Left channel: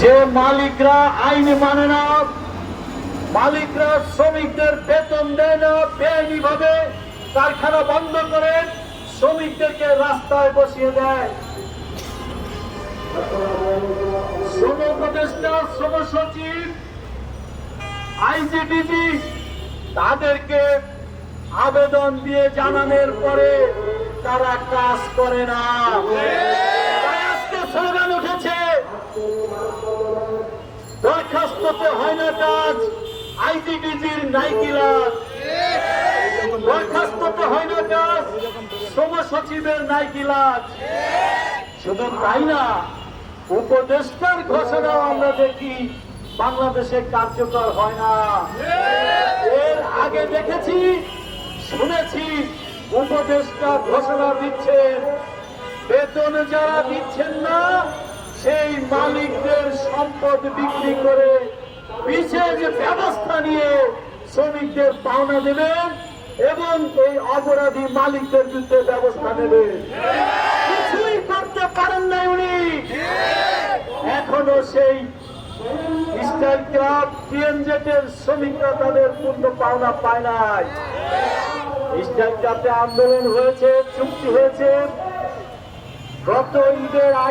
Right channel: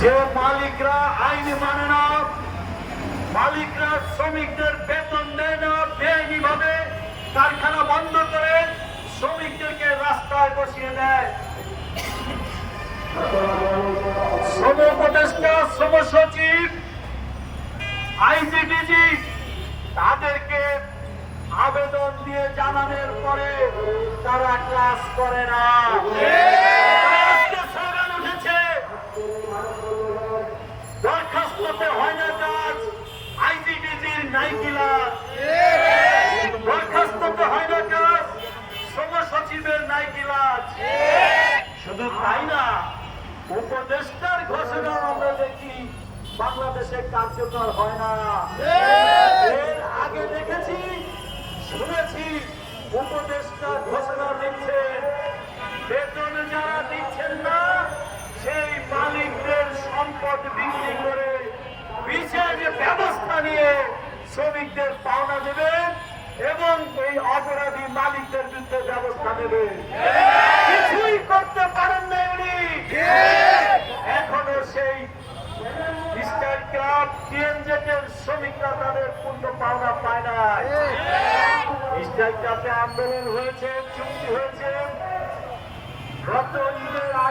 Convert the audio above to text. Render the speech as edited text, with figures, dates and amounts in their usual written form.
যে মালিকরা আইন মানে না, মালিকরা শ্রমিকদের বেতন দেয় না, বেআইনি ভাবে কারখানা বন্ধ করে শ্রমিকদেরকে রাস্তায় বসিয়ে দেয়। শ্রম উপদেষ্টা, শ্রম সচিব, আইজিডিজি তাদেরকে আবেদন দিয়ে জানানোর পরে তারা কাজ করে না। আজকে স্লোগান উঠেছে, দরখাস্ততে হয় না কাজ, আইজিডিজির নাই কি লাভ। দরখাস্ততে হয় না কাজ, শ্রম সচিবের নাই কি লাভ। শুধু তাই না, উপদেষ্টার ঘোষণাও আমরা দেখি বাংলাদেশে কার্যকর হয় না। এর আগে দেখেছি, শুনেছি উপদেষ্টা ঘোষণা দিচ্ছেন, বেতনে যারা দিচ্ছেন না সেই মালিকদের সম্পদ বিক্রি করে বিশেষ ব্যবস্থা নিয়ে শ্রমিকদের পাওনা দেবেন এবং এই অপরাধী মালিকদের বিরুদ্ধে ব্যবস্থা নেবেন। কিছুই করতে পারেন নাই উনি। এখনো সেই স্টাইল ক্লাব, টিএনজেটের শ্রমিকরা তাদের পূর্ণ পাওনা পায় নাই। স্টাইল ক্লাবে আন্দোলন হয়েছে, চুক্তি হয়েছে, গত ঈদের আগে